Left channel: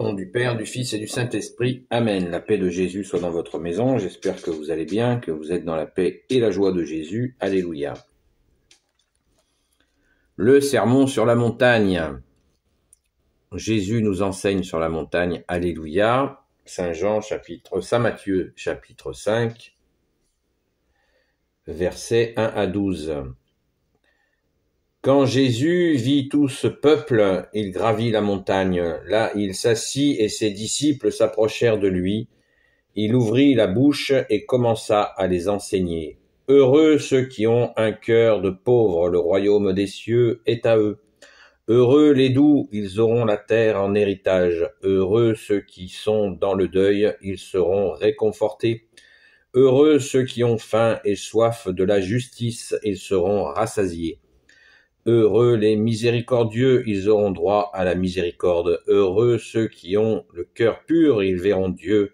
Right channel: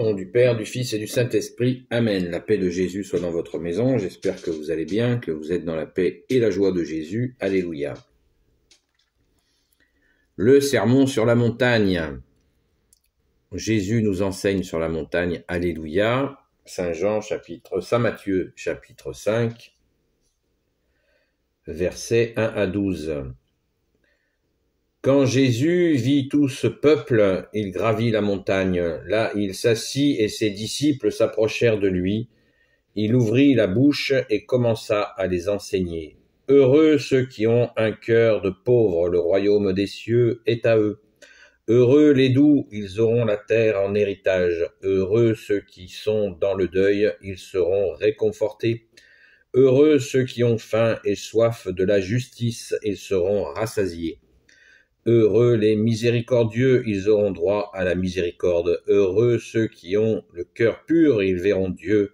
Au nom du Père, du Fils et du Saint-Esprit. Amen. La paix de Jésus soit dans votre maison. J'espère que vous allez bien, que vous êtes dans la paix et la joie de Jésus. Alléluia. Le sermon sur la montagne. Jésus nous enseigne sur la montagne. Alléluia. Saint Matthieu, chapitre 5, versets 1 à 12. Quand Jésus vit tout ce peuple, il gravit la montagne. Là, il s'assit et ses disciples s'approchèrent de lui. Il ouvrit la bouche et commença à les enseigner. Heureux ceux qui ont un cœur de pauvres, le royaume des cieux est à eux. Heureux les doux, ils auront la terre en héritage. Heureux ceux qui sont dans le deuil, ils seront réconfortés. Heureux ceux qui ont faim et soif de la justice, ils seront rassasiés. Heureux les miséricordieux, ils auront droit à la miséricorde. Heureux ceux qui ont le cœur pur, ils verront Dieu.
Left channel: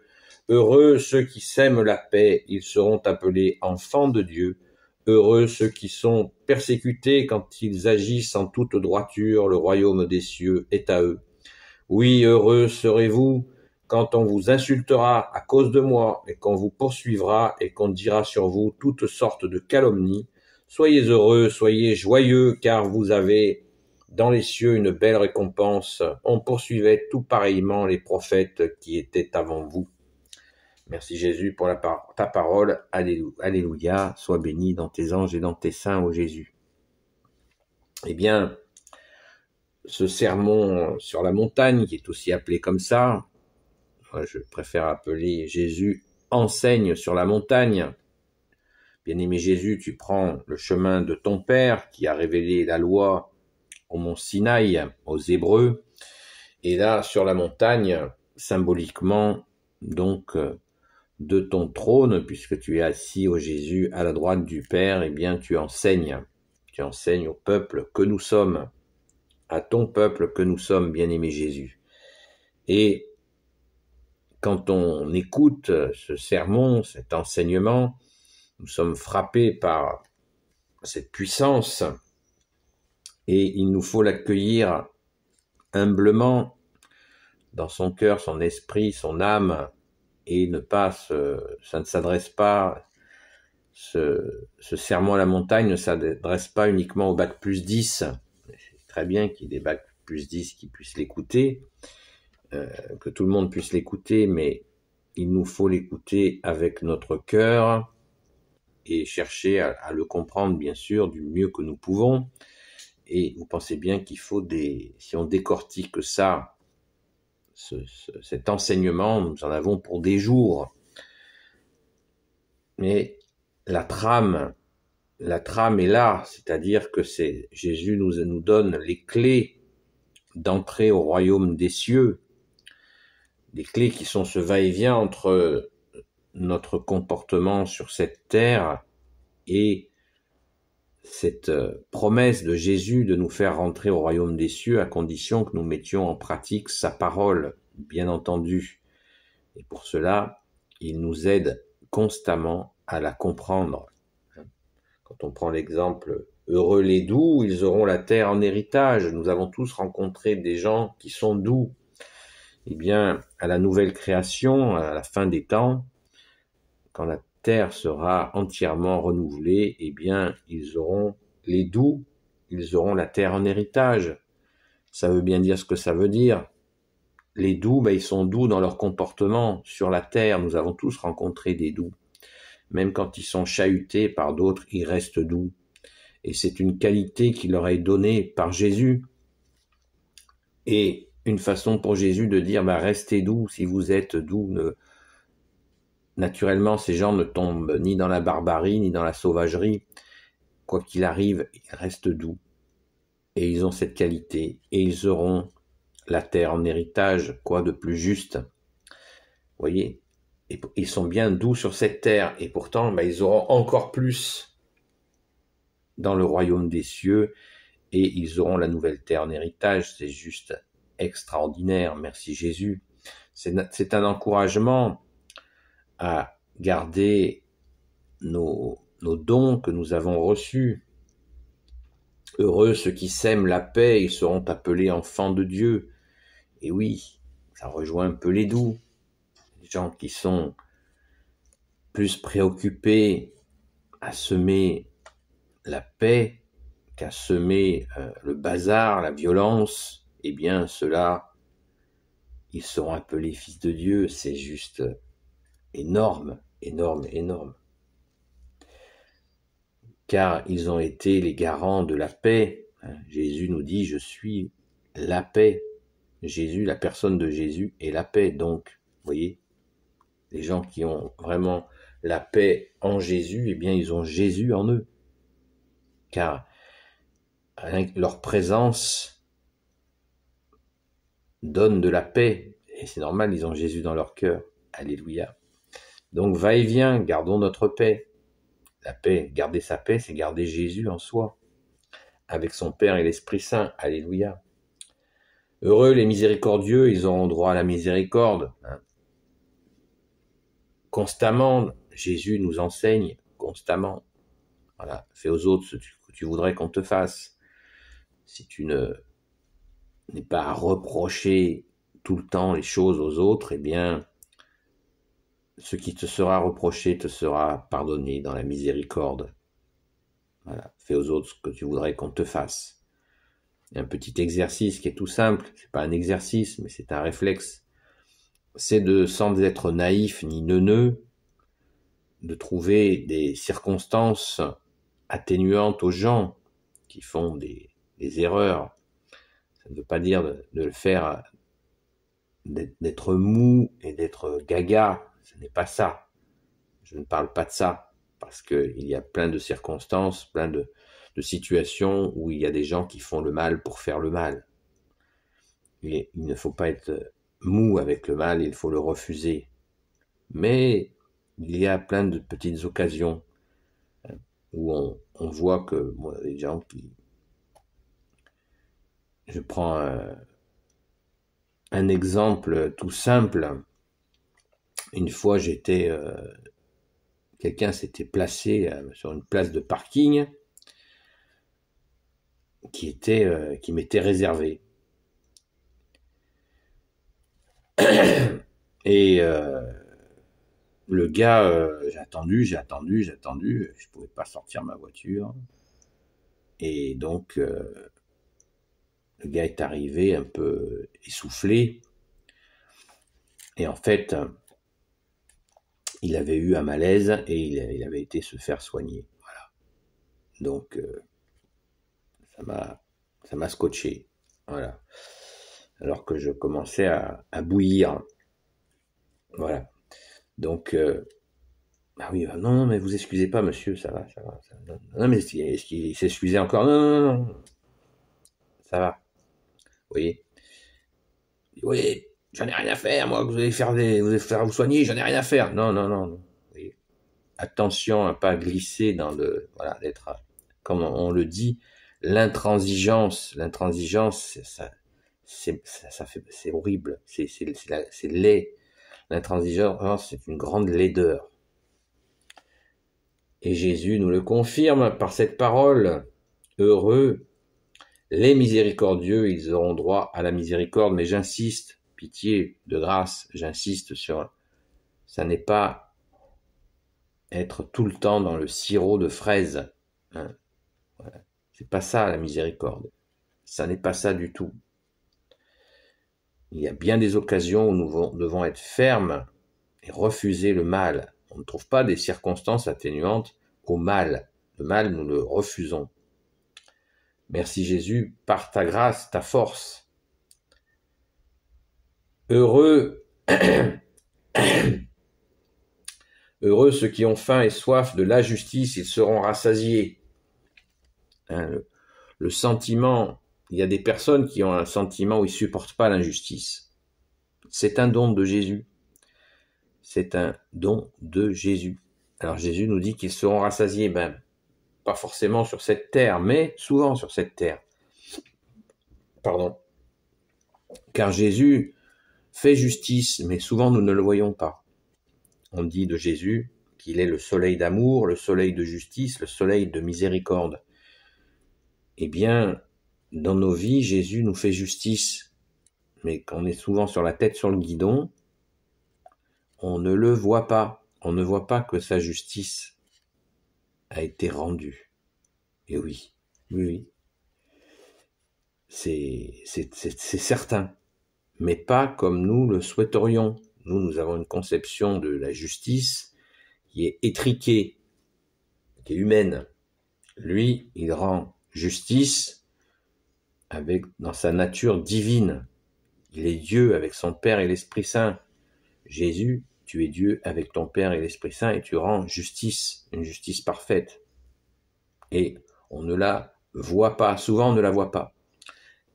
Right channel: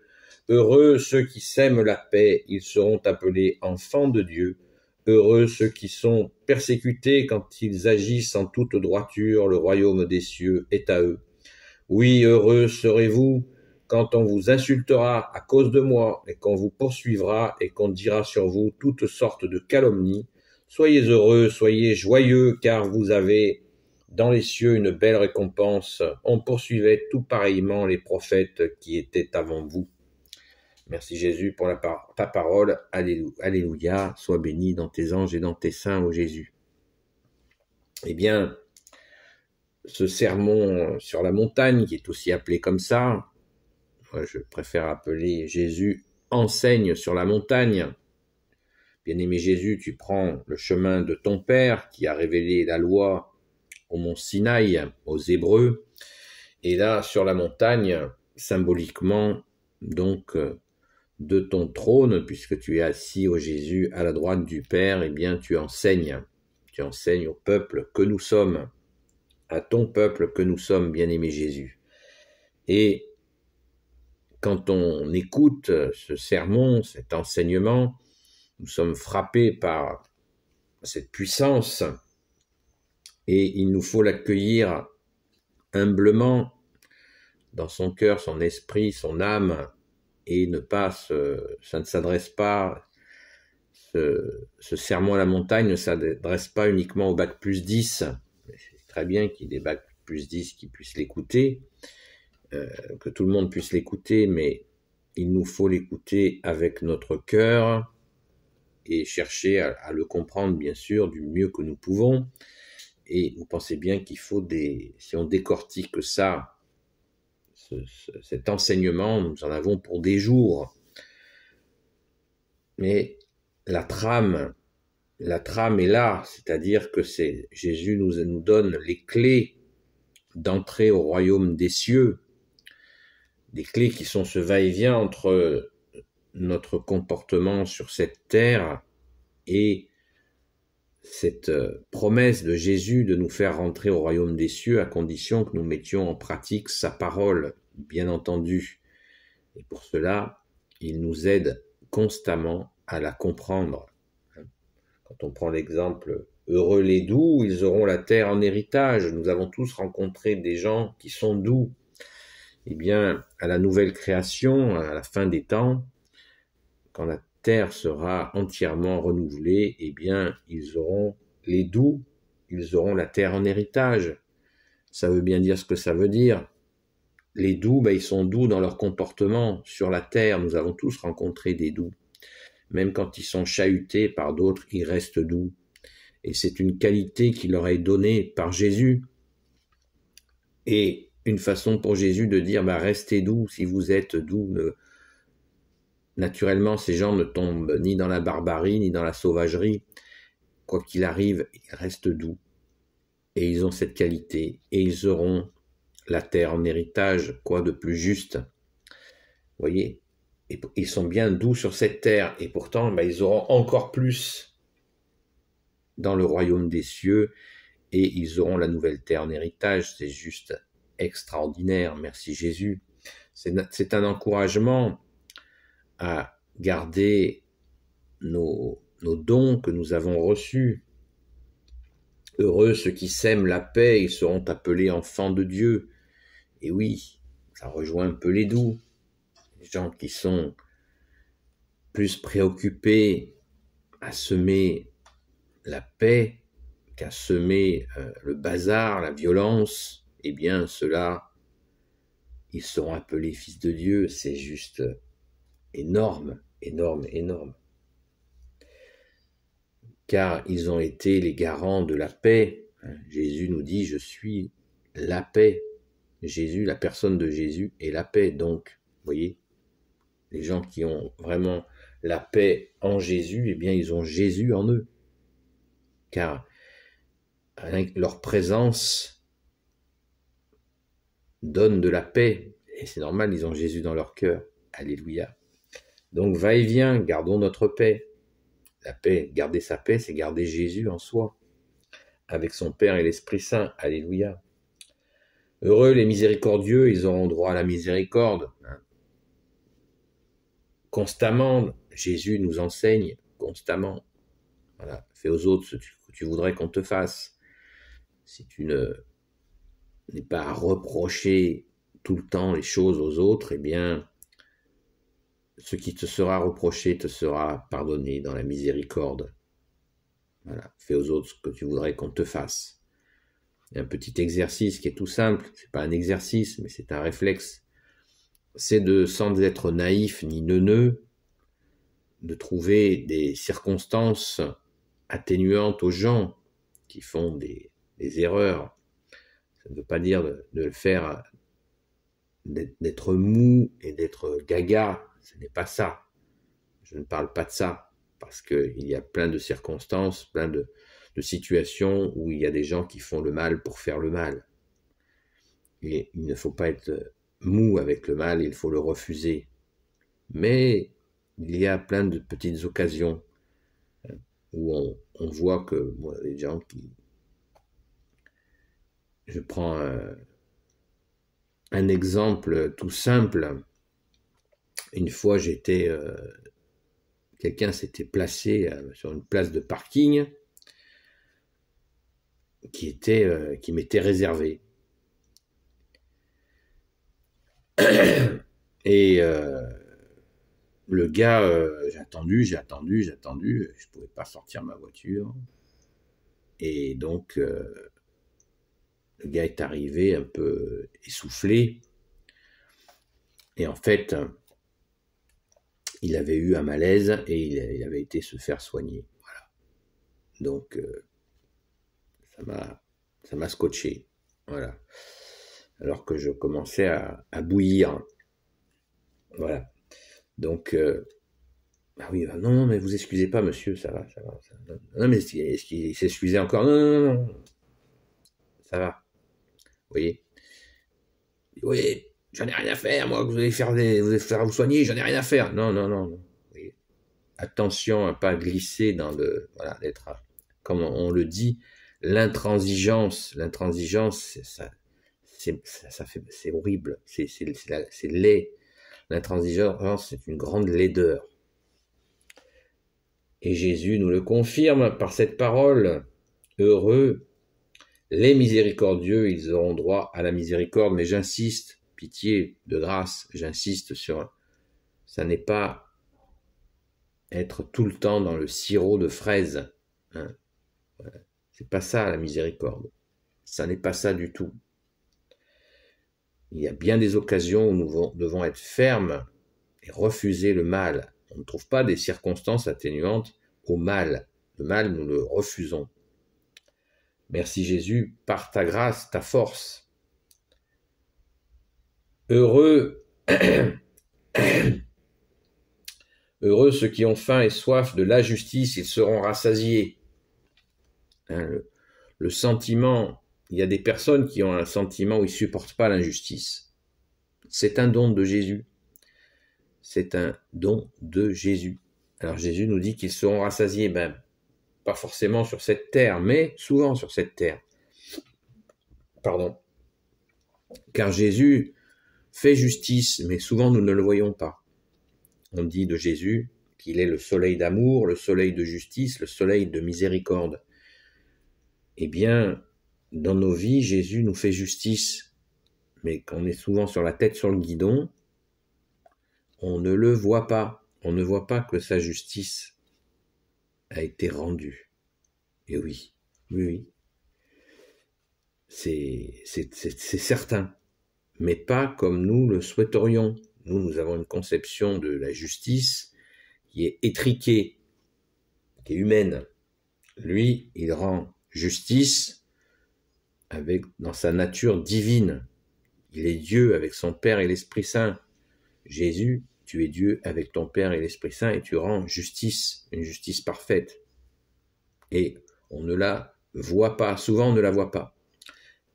Heureux ceux qui sèment la paix, ils seront appelés enfants de Dieu. Heureux ceux qui sont persécutés quand ils agissent en toute droiture, le royaume des cieux est à eux. Oui, heureux serez-vous quand on vous insultera à cause de moi, et qu'on vous poursuivra, et qu'on dira sur vous toutes sortes de calomnies. Soyez heureux, soyez joyeux, car vous avez dans les cieux une belle récompense. On poursuivait tout pareillement les prophètes qui étaient avant vous. Merci Jésus pour ta parole. Alléluia. Sois béni dans tes anges et dans tes saints, ô Jésus. Eh bien, ce sermon sur la montagne, qui est aussi appelé comme ça, moi je préfère appeler Jésus enseigne sur la montagne. Bien-aimé Jésus, tu prends le chemin de ton Père qui a révélé la loi au mont Sinaï, aux Hébreux, et là, sur la montagne, symboliquement, donc, de ton trône, puisque tu es assis, ô Jésus, à la droite du Père, eh bien, tu enseignes au peuple que nous sommes, à ton peuple que nous sommes, bien-aimé Jésus. Et quand on écoute ce sermon, cet enseignement, nous sommes frappés par cette puissance et il nous faut l'accueillir humblement dans son cœur, son esprit, son âme et ça ne s'adresse pas, ce sermon à la montagne ne s'adresse pas uniquement au bac plus 10. C'est très bien qu'il y ait des bac plus 10 qui puissent l'écouter, que tout le monde puisse l'écouter, mais il nous faut l'écouter avec notre cœur, et chercher à le comprendre, bien sûr, du mieux que nous pouvons. Et vous pensez bien qu'il faut si on décortique ça, cet enseignement, nous en avons pour des jours. Mais la trame est là, c'est-à-dire que Jésus nous donne les clés d'entrer au royaume des cieux, des clés qui sont ce va-et-vient entre notre comportement sur cette terre et cette promesse de Jésus de nous faire rentrer au royaume des cieux à condition que nous mettions en pratique sa parole, bien entendu. Et pour cela, il nous aide constamment à la comprendre. Quand on prend l'exemple « Heureux les doux, ils auront la terre en héritage », nous avons tous rencontré des gens qui sont doux. Eh bien, à la nouvelle création, à la fin des temps, quand la terre sera entièrement renouvelée, eh bien, les doux, ils auront la terre en héritage. Ça veut bien dire ce que ça veut dire. Les doux, ils sont doux dans leur comportement sur la terre. Nous avons tous rencontré des doux. Même quand ils sont chahutés par d'autres, ils restent doux. Et c'est une qualité qui leur est donnée par Jésus. Et une façon pour Jésus de dire, restez doux si vous êtes doux. Naturellement, ces gens ne tombent ni dans la barbarie, ni dans la sauvagerie. Quoi qu'il arrive, ils restent doux. Et ils ont cette qualité. Et ils auront la terre en héritage, quoi de plus juste. Vous voyez, et ils sont bien doux sur cette terre. Et pourtant, ils auront encore plus dans le royaume des cieux. Et ils auront la nouvelle terre en héritage. C'est juste extraordinaire. Merci Jésus. C'est un encouragement à garder nos dons que nous avons reçus. Heureux ceux qui sèment la paix, ils seront appelés enfants de Dieu. Et oui, ça rejoint un peu les doux, les gens qui sont plus préoccupés à semer la paix qu'à semer le bazar, la violence, eh bien ceux-là, ils seront appelés fils de Dieu. C'est juste énorme, énorme, énorme. Car ils ont été les garants de la paix. Jésus nous dit, je suis la paix. Jésus, la personne de Jésus est la paix. Donc, vous voyez, les gens qui ont vraiment la paix en Jésus, eh bien, ils ont Jésus en eux. Car leur présence donne de la paix. Et c'est normal, ils ont Jésus dans leur cœur. Alléluia. Donc, va-et-vient, gardons notre paix. La paix, garder sa paix, c'est garder Jésus en soi, avec son Père et l'Esprit Saint. Alléluia. Heureux les miséricordieux, ils auront droit à la miséricorde. Constamment, Jésus nous enseigne constamment. Voilà, fais aux autres ce que tu voudrais qu'on te fasse. Si tu n'es pas à reprocher tout le temps les choses aux autres, eh bien, ce qui te sera reproché te sera pardonné dans la miséricorde. Voilà, fais aux autres ce que tu voudrais qu'on te fasse. Il y a un petit exercice qui est tout simple, c'est pas un exercice, mais c'est un réflexe. C'est de, sans être naïf ni neuneux, de trouver des circonstances atténuantes aux gens qui font des erreurs. Ça ne veut pas dire de le faire, d'être mou et d'être gaga, ce n'est pas ça. Je ne parle pas de ça, parce qu'il y a plein de circonstances, plein de situations où il y a des gens qui font le mal pour faire le mal. Et il ne faut pas être mou avec le mal, il faut le refuser. Mais il y a plein de petites occasions où on voit que les gens qui... Je prends un exemple tout simple. Une fois, quelqu'un s'était placé sur une place de parking qui m'était réservée. Et le gars, j'ai attendu, je ne pouvais pas sortir ma voiture. Et donc, le gars est arrivé un peu essoufflé. Et en fait, il avait eu un malaise et il avait été se faire soigner. Voilà. Donc, ça m'a scotché. Voilà. Alors que je commençais à bouillir. Voilà. Donc, ah oui, non, mais vous excusez pas, monsieur, ça va. Non, mais est-ce qu'il s'excusait encore? Non. Ça va. Vous voyez? Oui, j'en ai rien à faire, moi, que vous allez faire vous soigner, j'en ai rien à faire. Non. Vous voyez? Attention à pas glisser dans voilà, d'être, comme on le dit, l'intransigeance. L'intransigeance, c'est horrible, c'est laid. L'intransigeance, c'est une grande laideur. Et Jésus nous le confirme par cette parole. Heureux les miséricordieux, ils auront droit à la miséricorde. Mais j'insiste, pitié, de grâce, j'insiste sur... Ça n'est pas être tout le temps dans le sirop de fraise. Hein. Voilà. C'est pas ça la miséricorde. Ça n'est pas ça du tout. Il y a bien des occasions où nous devons être fermes et refuser le mal. On ne trouve pas des circonstances atténuantes au mal. Le mal, nous le refusons. Merci Jésus, par ta grâce, ta force. Heureux, heureux ceux qui ont faim et soif de la justice, ils seront rassasiés. Hein, le sentiment, il y a des personnes qui ont un sentiment où ils ne supportent pas l'injustice. C'est un don de Jésus. C'est un don de Jésus. Alors Jésus nous dit qu'ils seront rassasiés, pas forcément sur cette terre, mais souvent sur cette terre. Pardon. Car Jésus fait justice, mais souvent nous ne le voyons pas. On dit de Jésus qu'il est le soleil d'amour, le soleil de justice, le soleil de miséricorde. Eh bien, dans nos vies, Jésus nous fait justice. mais quand on est souvent sur la tête sur le guidon, on ne le voit pas. On ne voit pas que sa justice a été rendue. Et oui, oui, c'est certain, mais pas comme nous le souhaiterions. Nous avons une conception de la justice qui est étriquée, qui est humaine. Lui, il rend justice dans sa nature divine. Il est Dieu avec son Père et l'Esprit Saint. Jésus, tu es Dieu avec ton Père et l'Esprit Saint et tu rends justice, une justice parfaite. Et on ne la voit pas, souvent on ne la voit pas.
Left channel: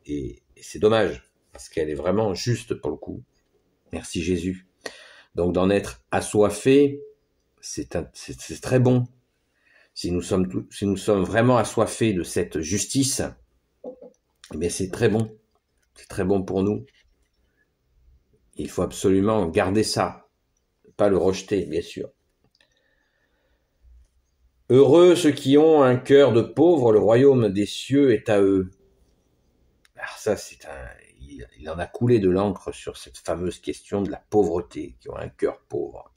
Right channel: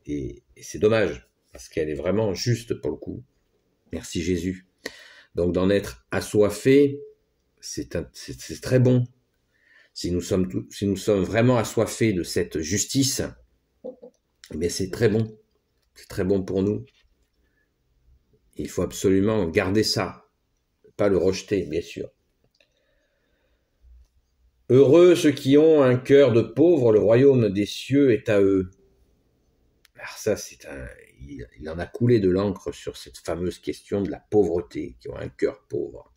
Et c'est dommage, parce qu'elle est vraiment juste pour le coup. Merci Jésus. Donc d'en être assoiffé, c'est très bon. Si nous sommes vraiment assoiffés de cette justice, eh bien c'est très bon. C'est très bon pour nous. Il faut absolument garder ça, pas le rejeter, bien sûr. Heureux ceux qui ont un cœur de pauvre, le royaume des cieux est à eux. Alors ça, il en a coulé de l'encre sur cette fameuse question de la pauvreté, qui ont un cœur pauvre.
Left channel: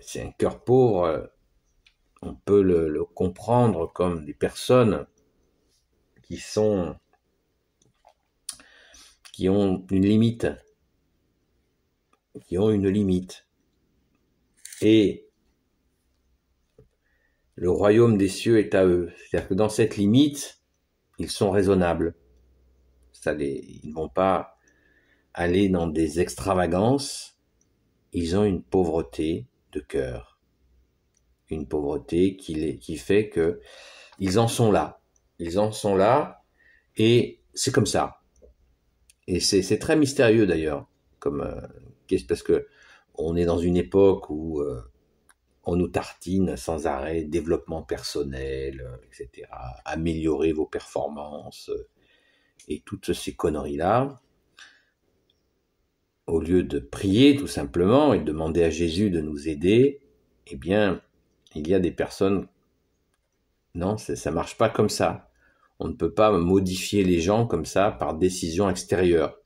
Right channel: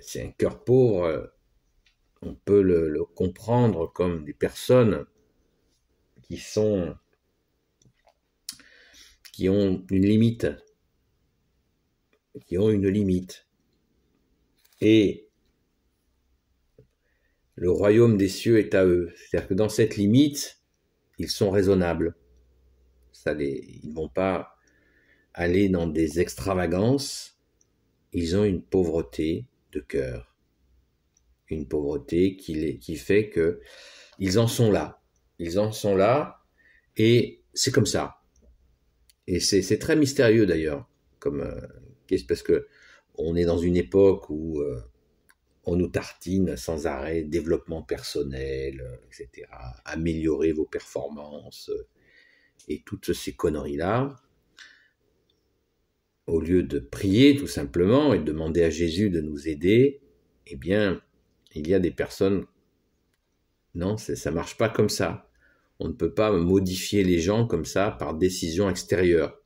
C'est un cœur pauvre, on peut le comprendre comme des personnes qui ont une limite, et le royaume des cieux est à eux. C'est-à-dire que dans cette limite, ils sont raisonnables. Ils ne vont pas aller dans des extravagances. Ils ont une pauvreté de cœur, une pauvreté qui fait que ils en sont là. Ils en sont là, et c'est comme ça. Et c'est très mystérieux d'ailleurs, parce que on est dans une époque où on nous tartine sans arrêt développement personnel, etc. Améliorer vos performances et toutes ces conneries-là. Au lieu de prier tout simplement et de demander à Jésus de nous aider, eh bien, il y a des personnes... Non, ça marche pas comme ça. On ne peut pas modifier les gens comme ça par décision extérieure.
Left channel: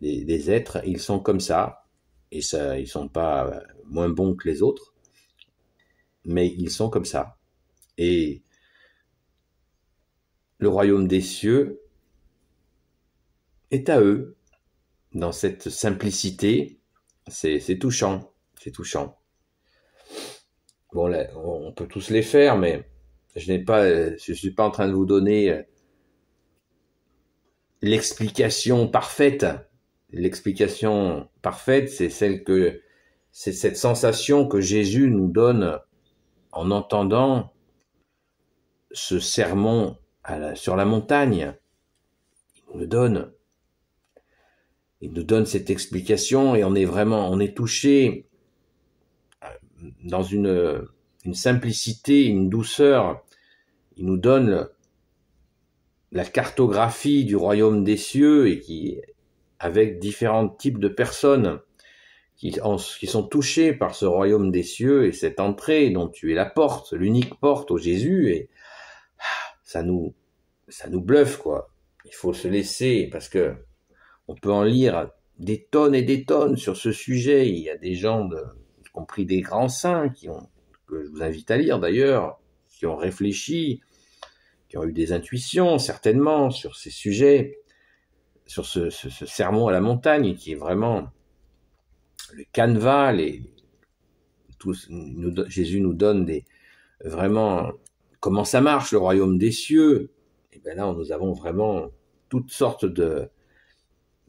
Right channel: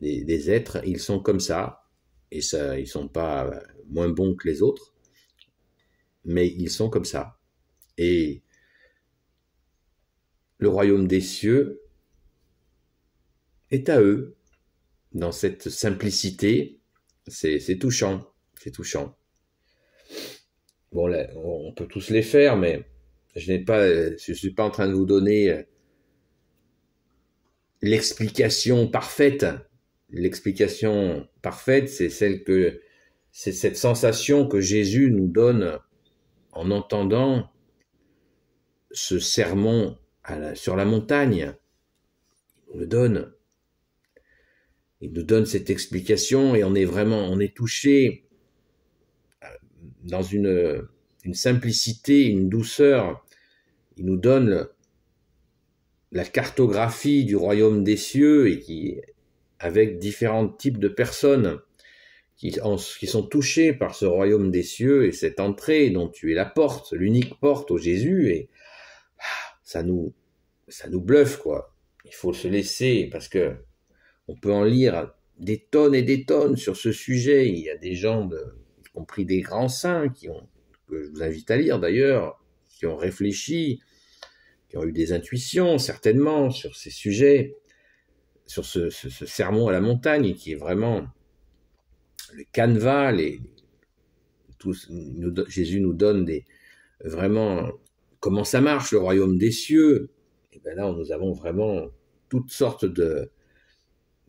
Des êtres, ils sont comme ça, et ça, ils sont pas moins bons que les autres, mais ils sont comme ça. Et le royaume des cieux est à eux, dans cette simplicité. C'est touchant, c'est touchant. Bon, là, on peut tous les faire, mais je suis pas en train de vous donner l'explication parfaite. L'explication parfaite, c'est cette sensation que Jésus nous donne en entendant ce sermon sur la montagne. Il nous donne cette explication, et on est touché dans une simplicité, une douceur. Il nous donne la cartographie du royaume des cieux, et avec différents types de personnes qui sont touchées par ce royaume des cieux et cette entrée dont tu es la porte, l'unique porte au Jésus, et ça nous bluffe, quoi. Il faut se laisser, parce que on peut en lire des tonnes et des tonnes sur ce sujet. Il y a des gens, y compris des grands saints, que je vous invite à lire d'ailleurs, qui ont réfléchi, qui ont eu des intuitions certainement sur ces sujets, sur ce sermon à la montagne, qui est vraiment le canevas. Jésus nous donne vraiment comment ça marche, le royaume des cieux. Et bien là, nous avons vraiment toutes sortes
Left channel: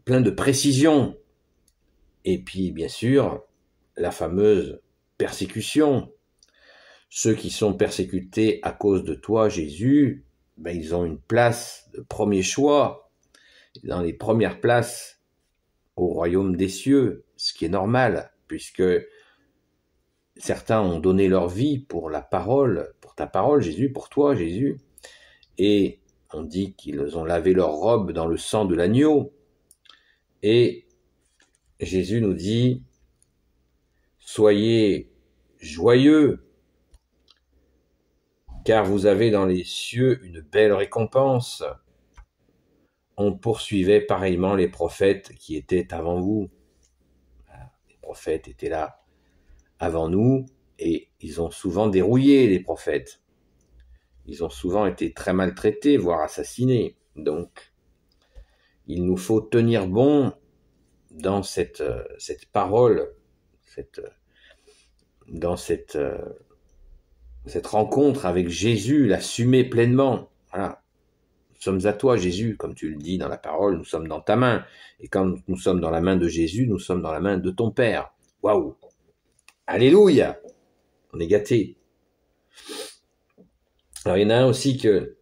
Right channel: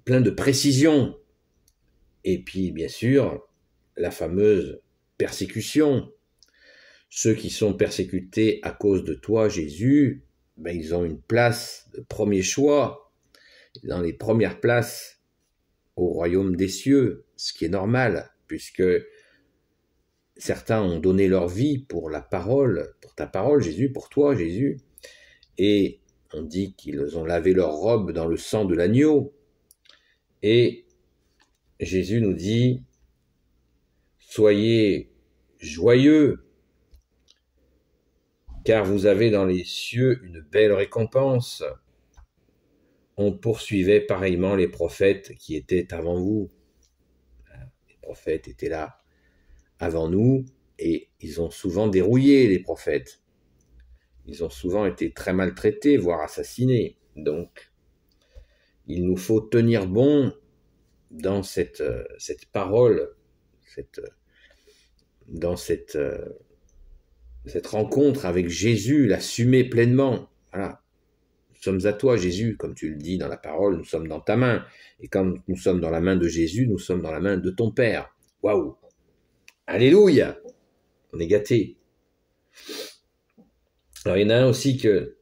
plein de précisions. Et puis, bien sûr, la fameuse persécution. Ceux qui sont persécutés à cause de toi, Jésus, ben, ils ont une place de premier choix, dans les premières places au royaume des cieux, ce qui est normal, puisque certains ont donné leur vie pour la parole, pour ta parole, Jésus, pour toi, Jésus, et on dit qu'ils ont lavé leur robe dans le sang de l'agneau. Et Jésus nous dit, soyez joyeux, car vous avez dans les cieux une belle récompense. on poursuivait pareillement les prophètes qui étaient avant vous. Les prophètes étaient là avant nous et ils ont souvent dérouillé les prophètes. Ils ont souvent été très maltraités, voire assassinés. Donc, il nous faut tenir bon dans cette parole, dans cette rencontre avec Jésus, l'assumer pleinement. Voilà. Nous sommes à toi, Jésus, comme tu le dis dans la parole, nous sommes dans ta main. Et quand nous sommes dans la main de Jésus, nous sommes dans la main de ton Père. Waouh! Alléluia! On est gâtés. Alors, il y en a un aussi que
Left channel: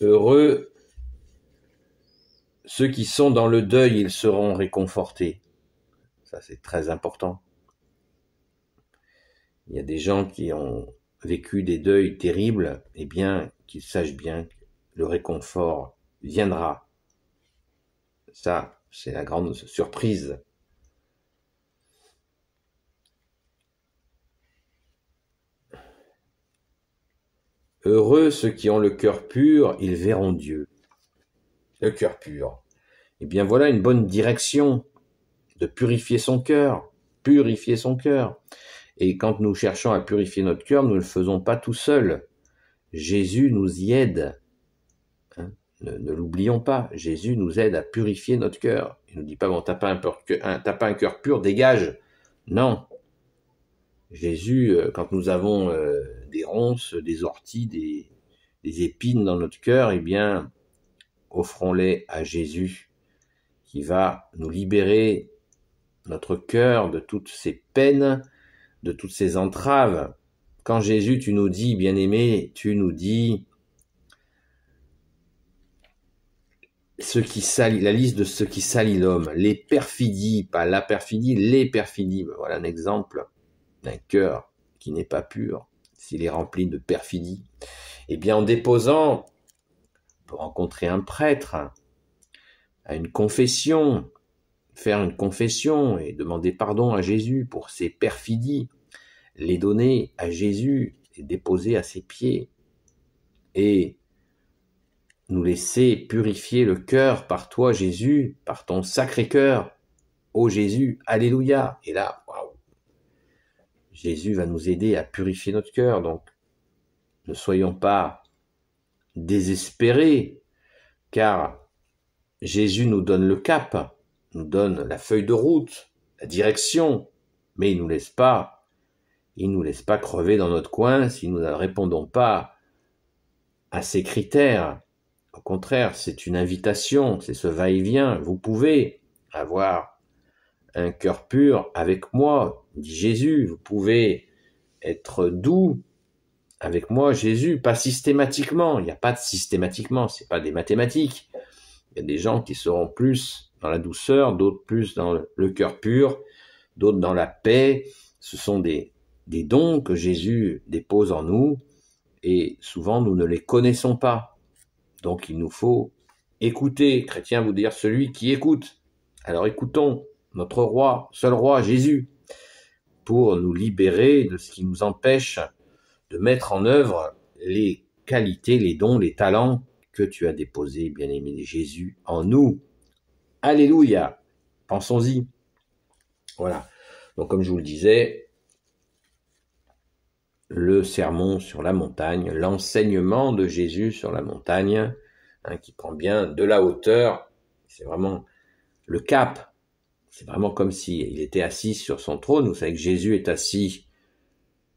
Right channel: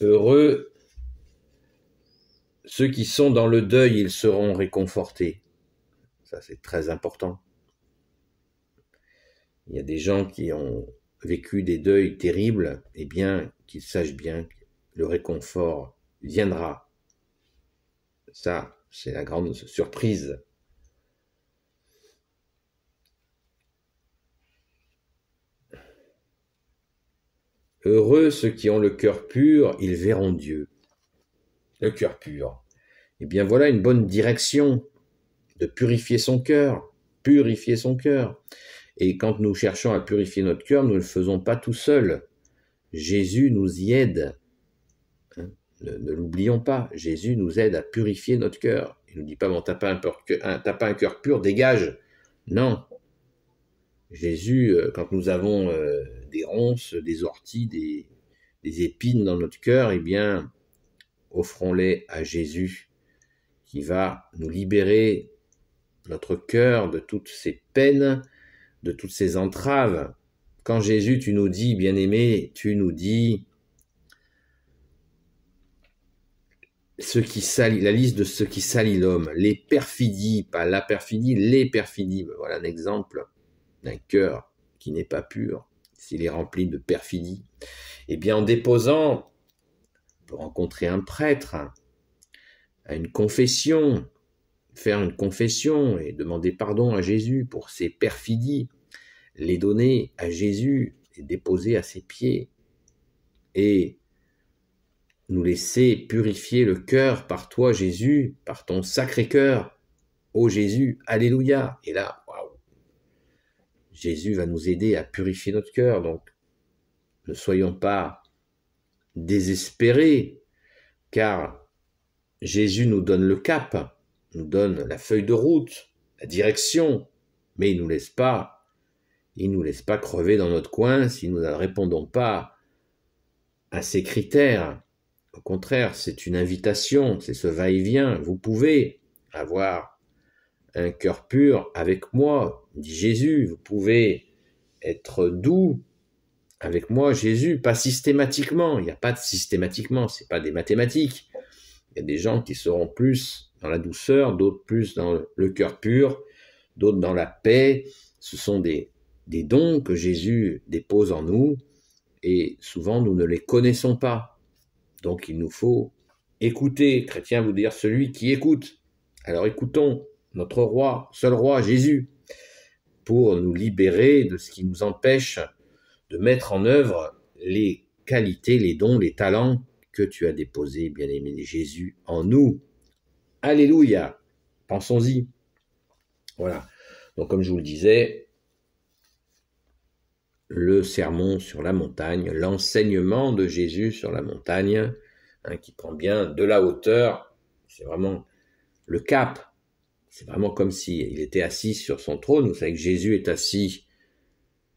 heureux ceux qui sont dans le deuil, ils seront réconfortés. Ça, c'est très important. Il y a des gens qui ont vécu des deuils terribles, eh bien, qu'ils sachent bien que le réconfort viendra. Ça, c'est la grande surprise. Heureux ceux qui ont le cœur pur, ils verront Dieu. Le cœur pur. Eh bien, voilà une bonne direction de purifier son cœur. Purifier son cœur. Et quand nous cherchons à purifier notre cœur, nous ne le faisons pas tout seul. Jésus nous y aide. Ne l'oublions pas. Jésus nous aide à purifier notre cœur. Il ne nous dit pas, bon, t'as pas un cœur pur, dégage. Non. Jésus, quand nous avons des ronces, des orties, des épines dans notre cœur, eh bien, offrons-les à Jésus, qui va nous libérer notre cœur de toutes ces peines, de toutes ces entraves. Quand Jésus, tu nous dis, bien-aimé, tu nous dis la liste de ce qui salit l'homme, les perfidies, pas la perfidie, les perfidies. Voilà un exemple d'un cœur qui n'est pas pur, s'il est rempli de perfidie. Eh bien, en déposant, on peut rencontrer un prêtre, à une confession, faire une confession et demander pardon à Jésus pour ses perfidies, les donner à Jésus et déposer à ses pieds et nous laisser purifier le cœur par toi, Jésus, par ton sacré cœur. Ô Jésus, alléluia. Et là, waouh, Jésus va nous aider à purifier notre cœur. Donc, ne soyons pas désespérés, car Jésus nous donne le cap, nous donne la feuille de route, la direction, mais il nous laisse pas crever dans notre coin si nous ne répondons pas à ces critères. Au contraire, c'est une invitation, c'est ce va-et-vient. Vous pouvez avoir un cœur pur avec moi, dit Jésus. Vous pouvez être doux avec moi, Jésus, pas systématiquement. Il n'y a pas de systématiquement, c'est pas des mathématiques. Il y a des gens qui seront plus dans la douceur, d'autres plus dans le cœur pur, d'autres dans la paix. Ce sont des dons que Jésus dépose en nous et souvent nous ne les connaissons pas. Donc il nous faut écouter. Chrétien vous dire celui qui écoute. Alors écoutons notre roi, seul roi, Jésus, pour nous libérer de ce qui nous empêche de mettre en œuvre les qualités, les dons, les talents que tu as déposés, bien-aimé Jésus, en nous. Alléluia. Pensons-y. Voilà. Donc comme je vous le disais, le sermon sur la montagne, l'enseignement de Jésus sur la montagne, qui prend bien de la hauteur, c'est vraiment le cap. C'est vraiment comme s'il était assis sur son trône. Vous savez que Jésus est assis.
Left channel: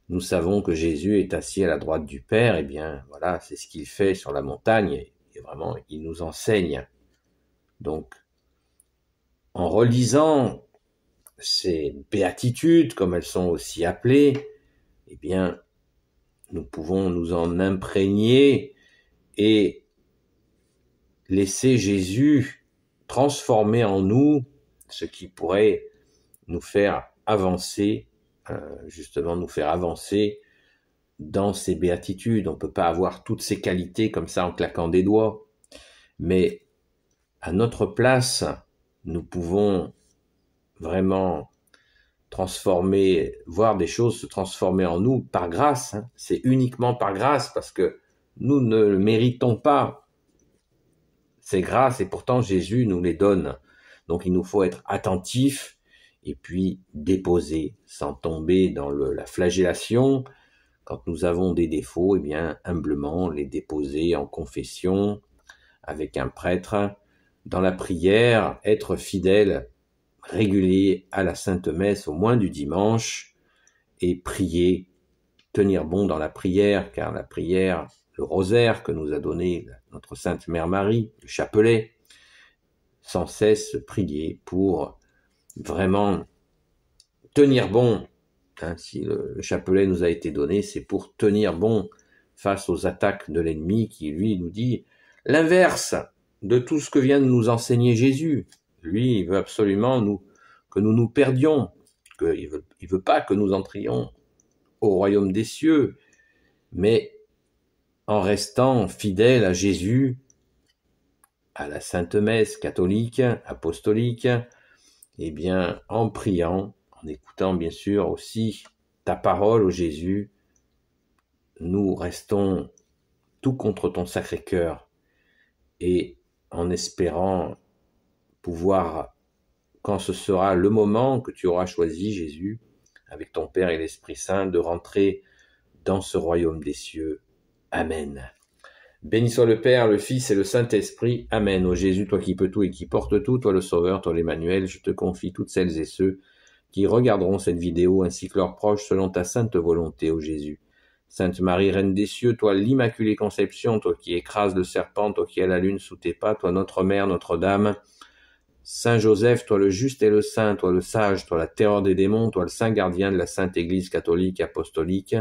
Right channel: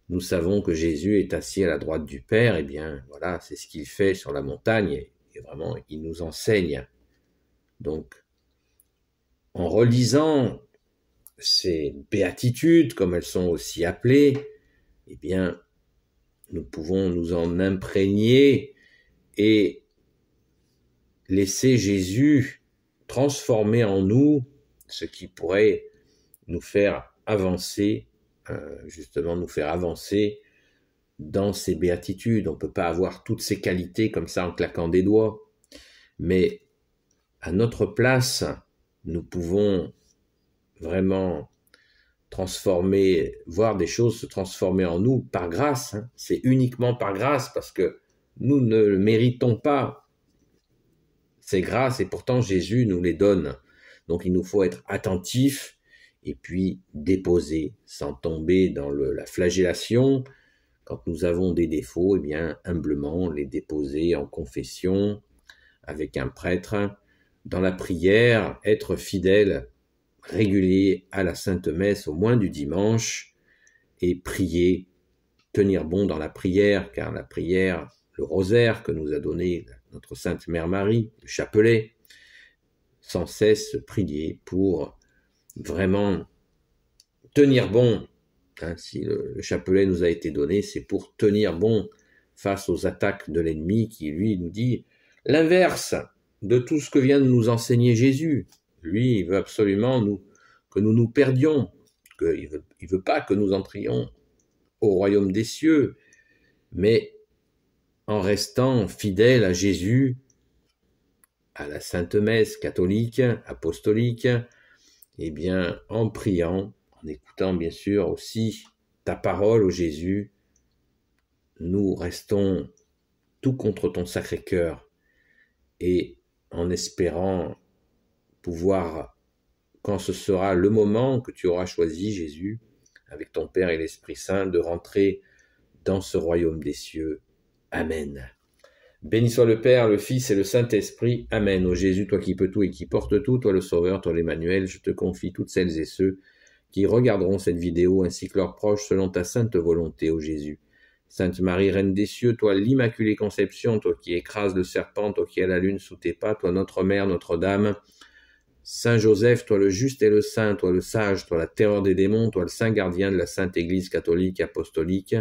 Nous savons que Jésus est assis à la droite du Père. Eh bien, voilà, c'est ce qu'il fait sur la montagne. Et vraiment, il nous enseigne. Donc, en relisant ces béatitudes, comme elles sont aussi appelées, eh bien, nous pouvons nous en imprégner et laisser Jésus transformer en nous ce qui pourrait nous faire avancer, justement nous faire avancer dans ces béatitudes. On ne peut pas avoir toutes ces qualités comme ça en claquant des doigts, mais à notre place, nous pouvons vraiment transformer, voir des choses se transformer en nous par grâce. C'est uniquement par grâce parce que nous ne le méritons pas. ces grâces et pourtant Jésus nous les donne. Donc il nous faut être attentifs et puis déposer sans tomber dans la flagellation. Quand nous avons des défauts, eh bien humblement les déposer en confession avec un prêtre, dans la prière, être fidèle, régulier à la Sainte Messe au moins du dimanche et prier, tenir bon dans la prière, car la prière, le rosaire que nous a donné notre Sainte Mère Marie, le chapelet, sans cesse prier pour vraiment tenir bon. Si le chapelet nous a été donné, c'est pour tenir bon face aux attaques de l'ennemi qui, lui, nous dit l'inverse de tout ce que vient de nous enseigner Jésus. Lui, il veut absolument que nous nous perdions, il veut pas que nous entrions au royaume des cieux, mais en restant fidèles à Jésus, à la Sainte Messe catholique, apostolique, et bien en priant, en écoutant bien sûr aussi ta parole, ô Jésus, nous restons tout contre ton Sacré-Cœur et en espérant pouvoir, quand ce sera le moment que tu auras choisi, Jésus, avec ton Père et l'Esprit Saint, de rentrer dans ce royaume des cieux. Amen. Béni soit le Père, le Fils et le Saint-Esprit. Amen. Ô Jésus, toi qui peux tout et qui portes tout, toi le Sauveur, toi l'Emmanuel, je te confie toutes celles et ceux qui regarderont cette vidéo ainsi que leurs proches selon ta sainte volonté, ô Jésus. Sainte Marie, Reine des cieux, toi l'Immaculée Conception, toi qui écrases le serpent, toi qui as la lune sous tes pas, toi notre Mère, Notre-Dame. Saint Joseph, toi le juste et le saint, toi le sage, toi la terreur des démons, toi le saint gardien de la Sainte Église catholique apostolique.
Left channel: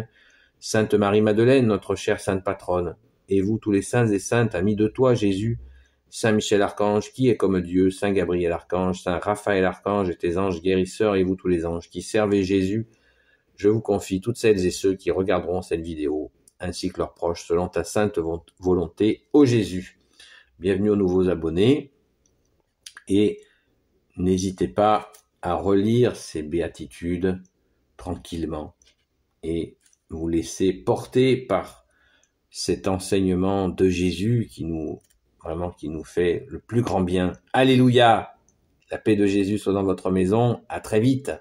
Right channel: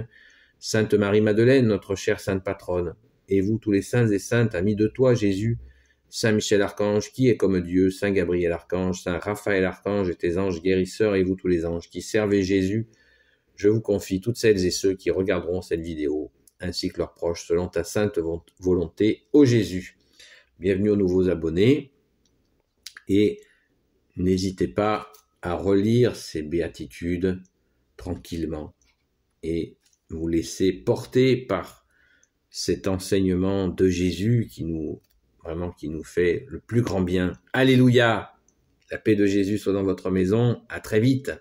Sainte Marie-Madeleine, notre chère sainte patronne. Et vous tous les saints et saintes, amis de toi, Jésus, Saint Michel Archange, qui est comme Dieu, Saint Gabriel Archange, Saint Raphaël Archange et tes anges guérisseurs, et vous tous les anges qui servez Jésus, je vous confie toutes celles et ceux qui regarderont cette vidéo, ainsi que leurs proches, selon ta sainte volonté, ô Jésus. Bienvenue aux nouveaux abonnés, et n'hésitez pas à relire ces béatitudes tranquillement, et vous laisser porter par cet enseignement de Jésus qui nous fait le plus grand bien. Alléluia! La paix de Jésus soit dans votre maison. À très vite!